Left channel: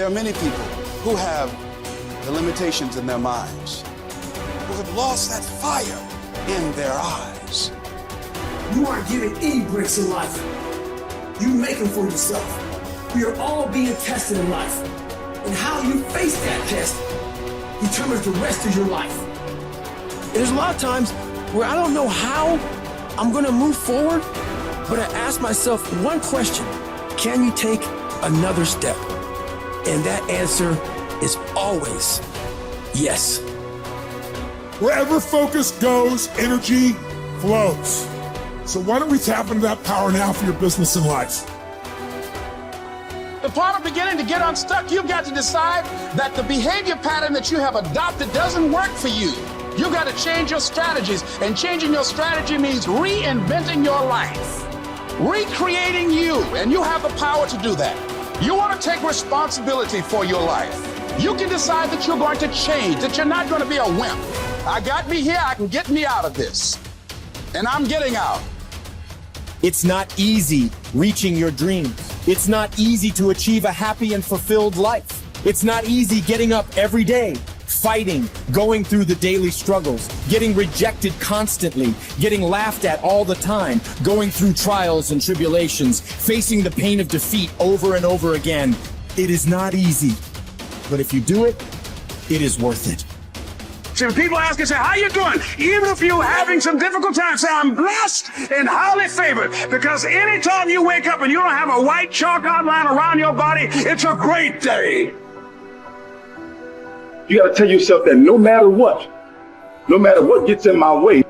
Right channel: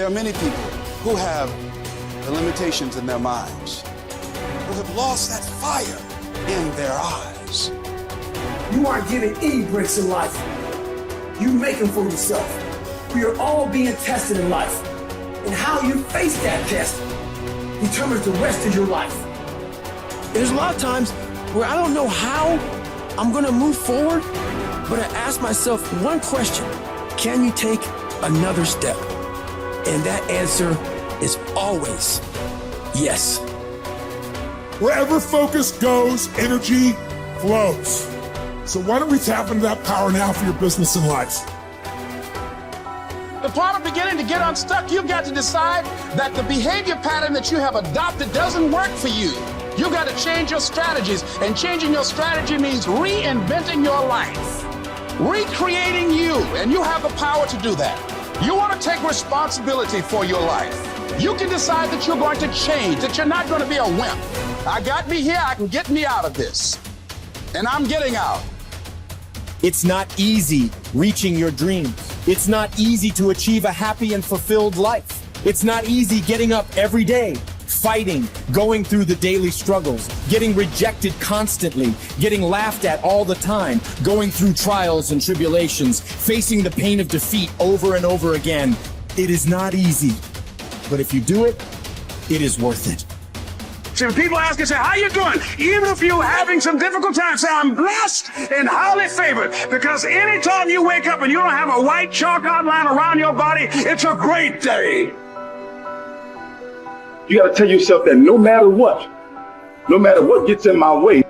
There are many people who have the limitations in their minds, who have lost that fire in their eyes. You aren't given any breaks in life. You make them for yourself. We are all being tested in life. And how you face that test determines the rest of your life. There's a lot of times where I don't know how I'm gonna move forward, but I ask myself one question: can you take another step? And that answer is always yes. Wherever focus goes, energy flows. So why don't we tap into that power now for your business and life? The part of beginning to get unstuck, you've got to decide that the behavior pattern that you have adopted doesn't work for you. You've got to change your strategies, and changing your strategy means reinventing your life, recreating you, and you have the power to do that. You want to take responsibility for your life. You can decide that you're going to change, that you're not going to be a wimp. I got me here, I can get me out of this, and I'm getting out. It's not easy reaching your dreams. It's not easy to achieve a happy and fulfilled life. It's not easy getting up every day, fighting, going through the daily struggles, getting rejected constantly, getting laughed at all the time, going through trials and tribulations, facing the pain of defeat over and over again. It is not easy, but if you do it, it is worth it. See, when people ask you, say, how you doing? Even if you're having some difficult times, say, I'm blessed and highly favored. Because anytime you wake up and you don't have a white chalk outline around your body, it's a great day. You got to tell yourself that no matter what gets in my way,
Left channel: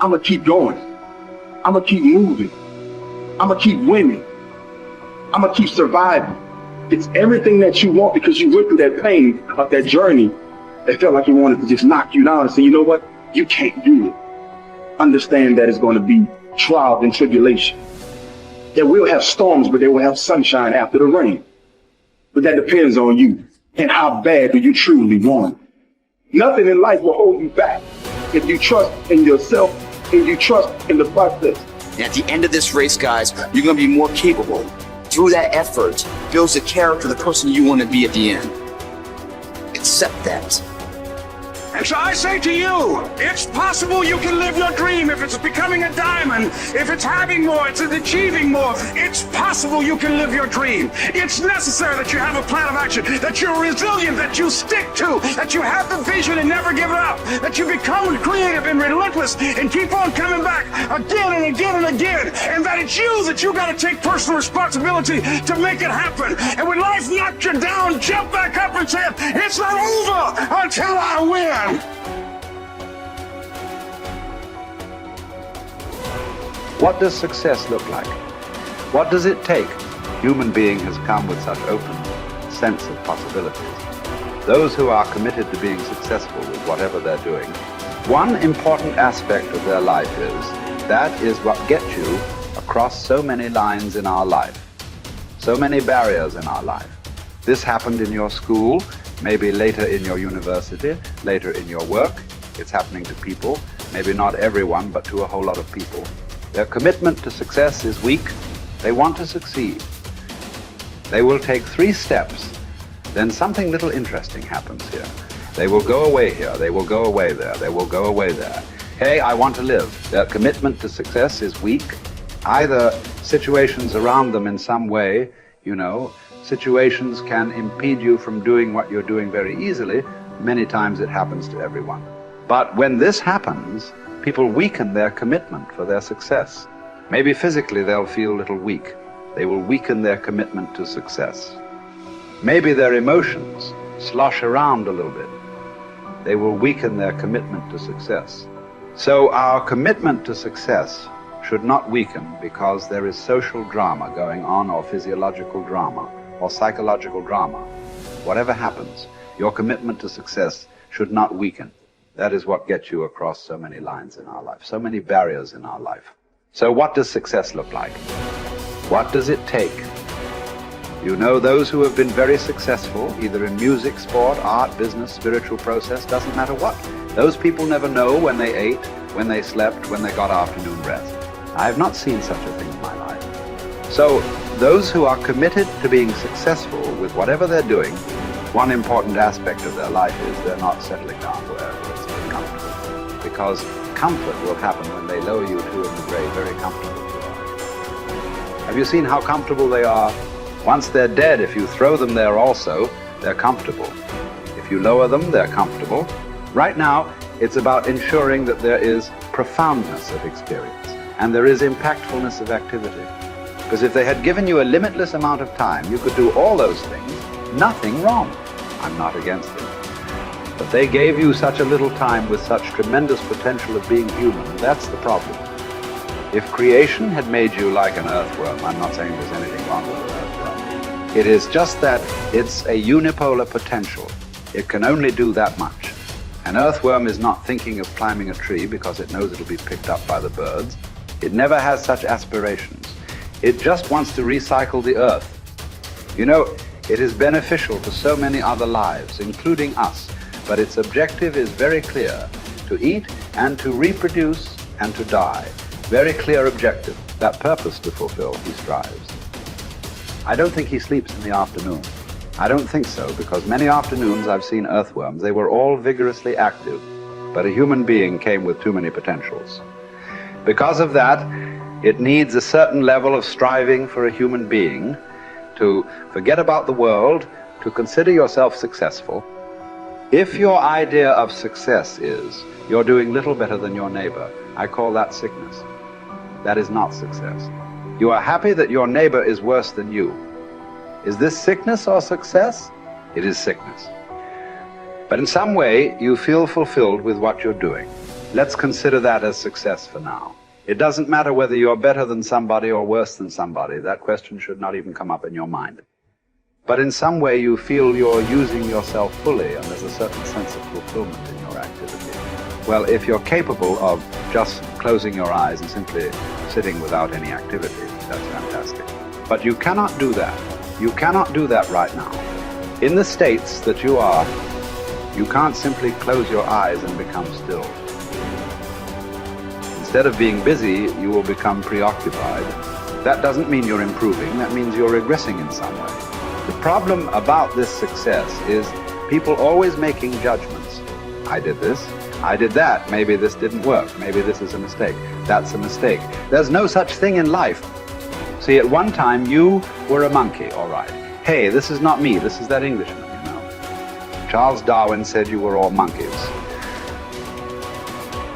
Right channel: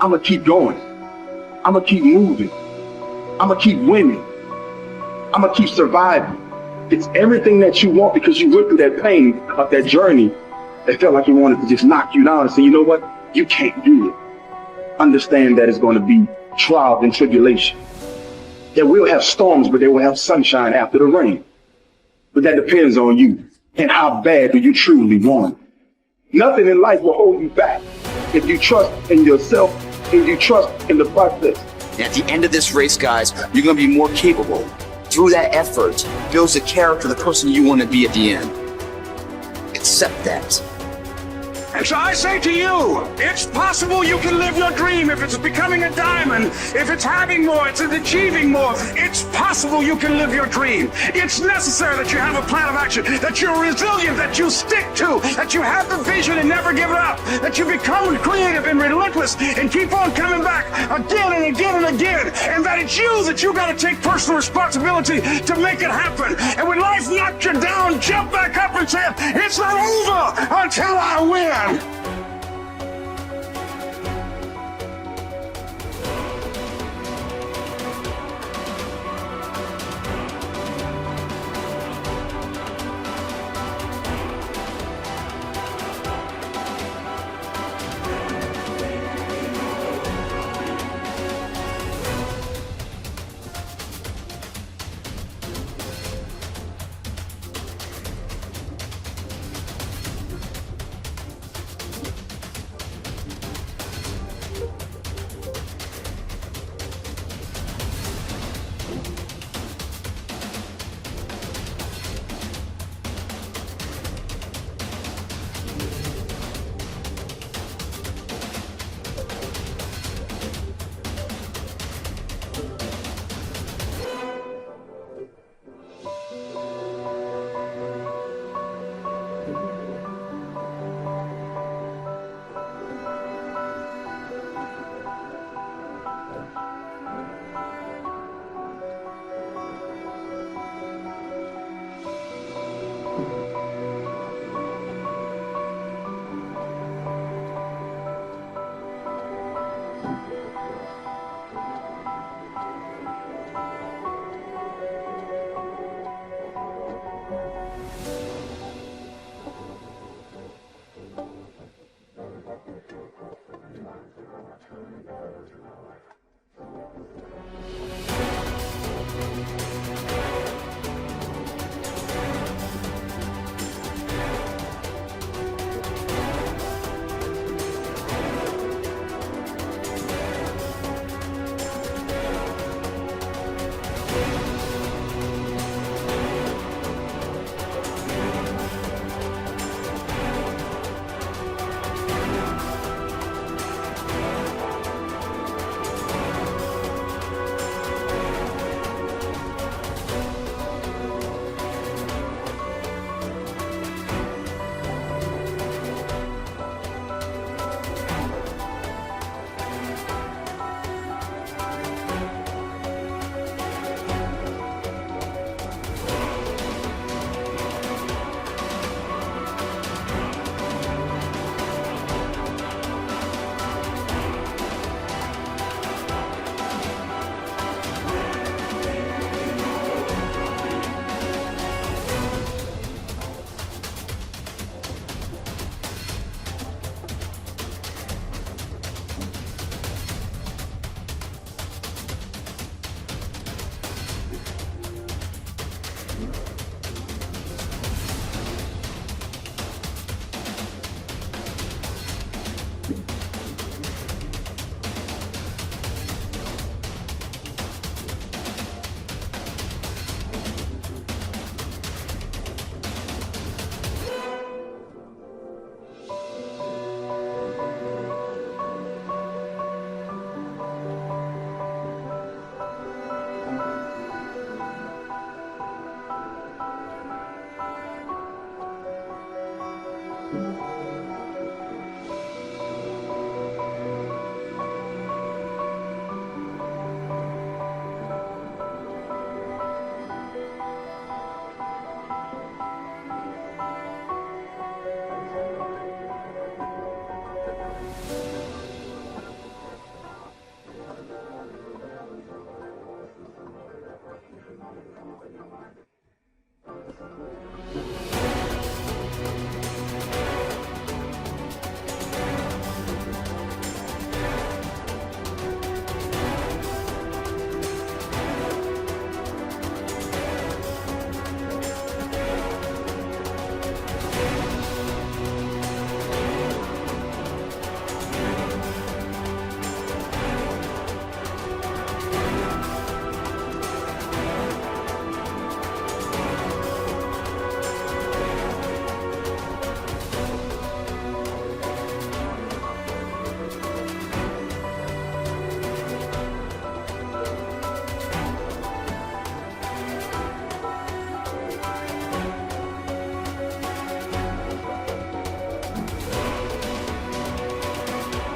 I'm going to keep going. I'm going to keep moving. I'm going to keep winning. I'm going to keep surviving. It's everything that you want, because you went through that pain of that journey. It felt like he wanted to just knock you down and say, you know what? You can't do it. Understand that it's going to be trials and tribulation. That we'll have storms, but they will have sunshine after the rain. But that depends on you and how bad do you truly want it. Nothing in life will hold you back if you trust in yourself and you trust in the process. And at the end of this race, guys, you're going to be more capable. Through that effort, builds the character of the person you want to be at the end. Accept that. And so I say to you, it's possible you can live your dream. If it's becoming a diamond, if it's having more, it's achieving more, it's possible you can live your dream. It's necessary that you have a plan of action, that you're resilient, that you stick to, that you have the vision and never give it up, that you become creative and relentless and keep on coming back again and again and again, and that it's you that you got to take personal responsibility to make it happen. And when life knocks you down, jump back up and say, it's not over until I win. What does success look like? What does it take? A human being has come with such open sense of possibilities. Those who are committed to being successful with whatever they're doing, one important aspect of their life is that is what gets you across so many lines in our life, so many barriers in our life. This happened in your school, maybe later in your university, later in your work. It's happening to people, maybe not everyone, but to a whole lot of people. Their commitment to success is weak. They want to succeed. They will take 3 steps. Then something little interesting happens here. They will go away here. They will go away there. They will go away there. Hey, I want to live. Their commitment to success is weak. Either situations around them in some way, situations can impede you from doing what you're doing very easily. Many times it happens to everyone. But when this happens, people weaken their commitment for their success. Maybe physically they'll feel a little weak. They will weaken their commitment to success. Maybe their emotions slosh around a little bit. They will weaken their commitment to success. So our commitment to success should not weaken because there is social drama going on, or physiological drama, or psychological drama. Whatever happens, your commitment to success should not weaken. That is what gets you across so many lines in our life, so many barriers in our life. So what does success look like? What does it take? Those who have been very successful, either in music, sport, art, business, spiritual process, doesn't matter what. Those people never know when they ate, when they slept, when they got afternoon rest. I have not seen such a thing in my life. So those who are committed to being successful with whatever they're doing, one important aspect of their life is they're not settling down where it's comfortable. Because comfort will happen when they lower you to the grave very comfortable. Have you seen how comfortable they are? Once they're dead, if you throw them there also, they're comfortable. If you lower them, they're comfortable. Right now, it's about ensuring that there is profoundness of experience and there is impactfulness of activity. Because if they had given you a limitless amount of time, you could do all those things, nothing wrong. I'm not against it. But they gave you such a little time with such tremendous potential of being human. That's the problem. If creation had made you like an earthworm, I'm not saying there's anything wrong with an earthworm. It is just that it's a unipolar potential. It can only do that much. An earthworm is not thinking of climbing a tree because it knows it'll be picked up by the birds. It never has such aspirations. It just wants to recycle the earth. You know, it is beneficial to so many other lives, including us, but its objective is very clear: to eat and to reproduce and to die. Very clear objective. That purpose to fulfill, he strives. I don't think he sleeps in the afternoon. I don't think so, because many afternoons I've seen earthworms. They were all vigorously active, but a human being came with too many potentials. Because of that, it needs a certain level of striving for a human being to forget about the world, to consider yourself successful. If your idea of success is you're doing little better than your neighbor, I call that sickness. That is not success. You are happy that your neighbor is worse than you. Is this sickness or success? It is sickness. But in some way, you feel fulfilled with what you're doing. Let's consider that as success for now. It doesn't matter whether you're better than somebody or worse than somebody. That question should not even come up in your mind. But in some way, you feel you're using yourself fully, and there's a certain sense of fulfillment in your activity. Well, if you're capable of just closing your eyes and simply sitting without any activity, that's fantastic. But you cannot do that. You cannot do that right now. In the states that you are, you can't simply close your eyes and become still. Instead of being busy, you will become preoccupied. That doesn't mean you're improving, that means you're regressing in some way. The problem about this success is people always making judgments. I did this, I did that, maybe this didn't work, maybe this is a mistake, that's a mistake. There's no such thing in life. See, at one time you were a monkey, all right. Hey, this is not me, this is that Englishman, you know. Charles Darwin said you were all monkeys.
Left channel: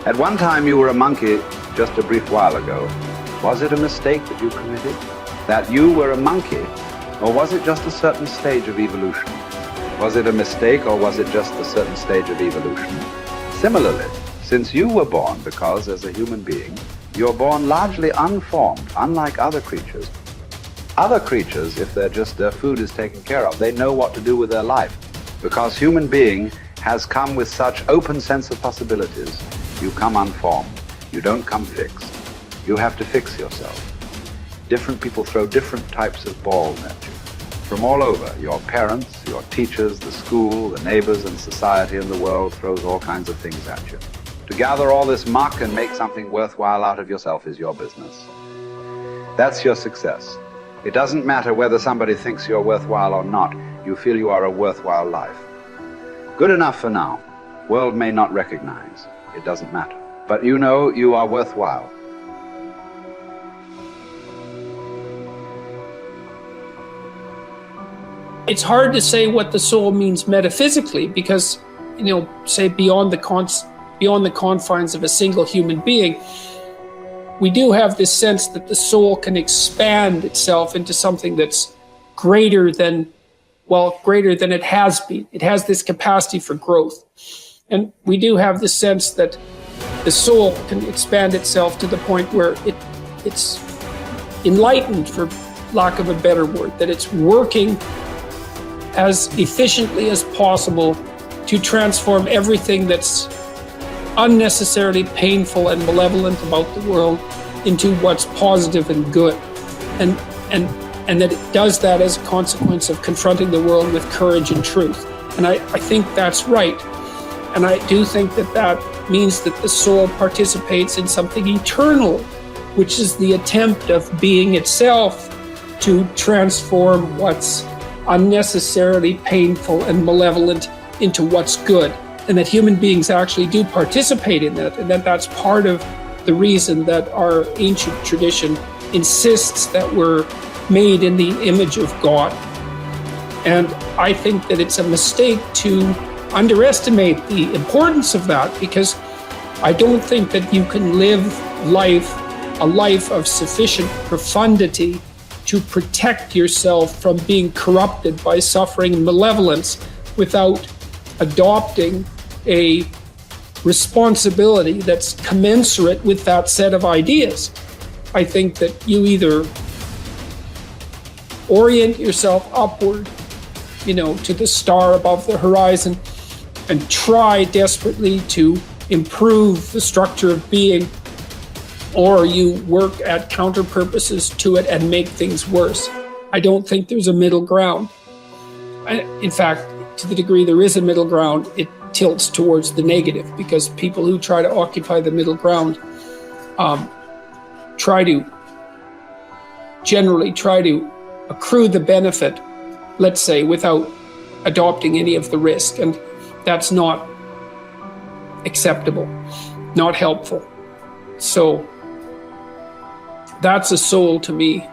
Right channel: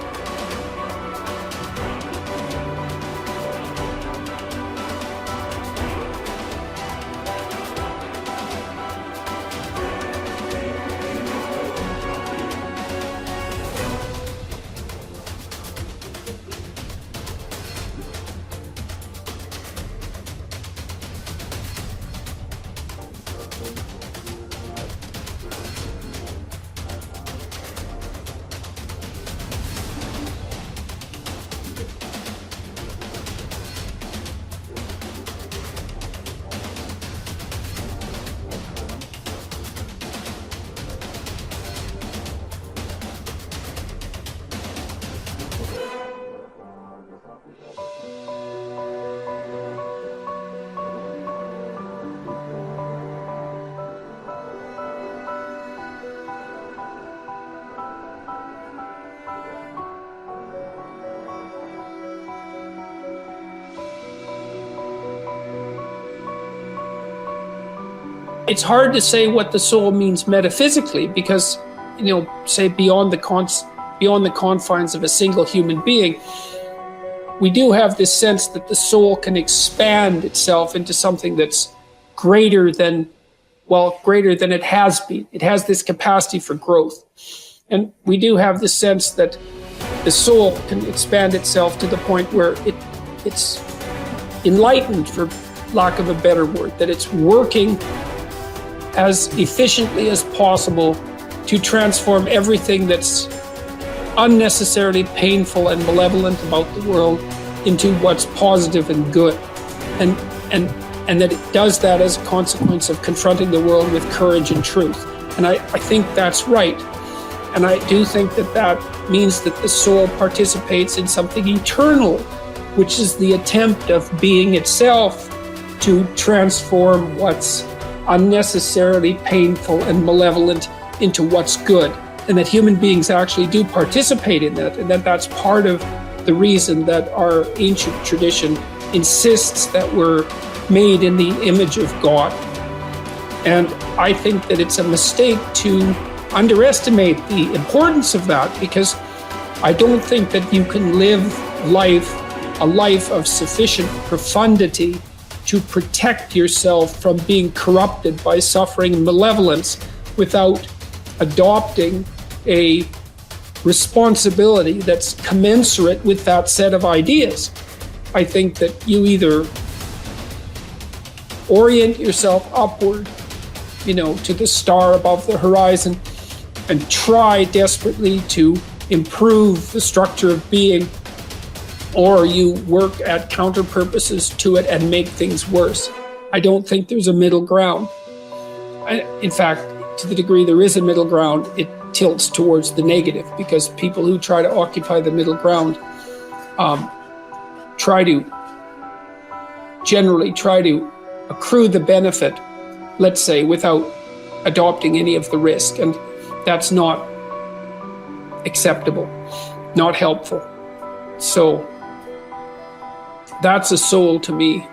At one time you were a monkey just a brief while ago. Was it a mistake that you committed? That you were a monkey? Or was it just a certain stage of evolution? Was it a mistake or was it just a certain stage of evolution? Similarly, since you were born, because as a human being, you're born largely unformed, unlike other creatures. Other creatures, if their food is taken care of, they know what to do with their life. Because human being has come with such open sense of possibilities. You come unformed. You don't come fixed. You have to fix yourself. Different people throw different types of balls at you. From all over, your parents, your teachers, the school, the neighbors, and society in the world throws all kinds of things at you. To gather all this muck and make something worthwhile out of yourself is your business. That's your success. It doesn't matter whether somebody thinks you're worthwhile or not. You feel you are a worthwhile life. Good enough for now. World may not recognize. It doesn't matter. But you know you are worthwhile. It's hard to say what the soul means metaphysically because, say beyond the confines of a single human being, we do have this sense that the soul can expand itself into something that's greater than it has been. It has this capacity for growth. And we do have the sense that the soul can expand itself to the point where it's enlightened, for lack of a better word, that it's working as efficiently as possible to transform everything that's unnecessarily painful and malevolent about the world into what's positive and good. And that it does that as a consequence of confronting the world with courage and truth. And I think that's right. And I do think that means that the soul participates in something eternal, which is the attempt of being itself to transform what's unnecessarily painful and malevolent into what's good, and that human beings actually do participate in that, and that that's part of the reason that our ancient tradition insists that we're made in the image of God. And I think that it's a mistake to underestimate the importance of that, because I don't think that you can live a life of sufficient profundity to protect yourself from being corrupted by suffering and malevolence without adopting a responsibility that's commensurate with that set of ideas. I think that you either orient yourself upward, to the star above the horizon, and try desperately to improve the structure of being, or you work at counter purposes to it and make things worse. I don't think there's a middle ground. In fact, to the degree there is a middle ground, it tilts towards the negative, because people who try to occupy the middle ground generally try to accrue the benefit, let's say, without adopting any of the risk. And that's not acceptable, not helpful. So that's a soul to me.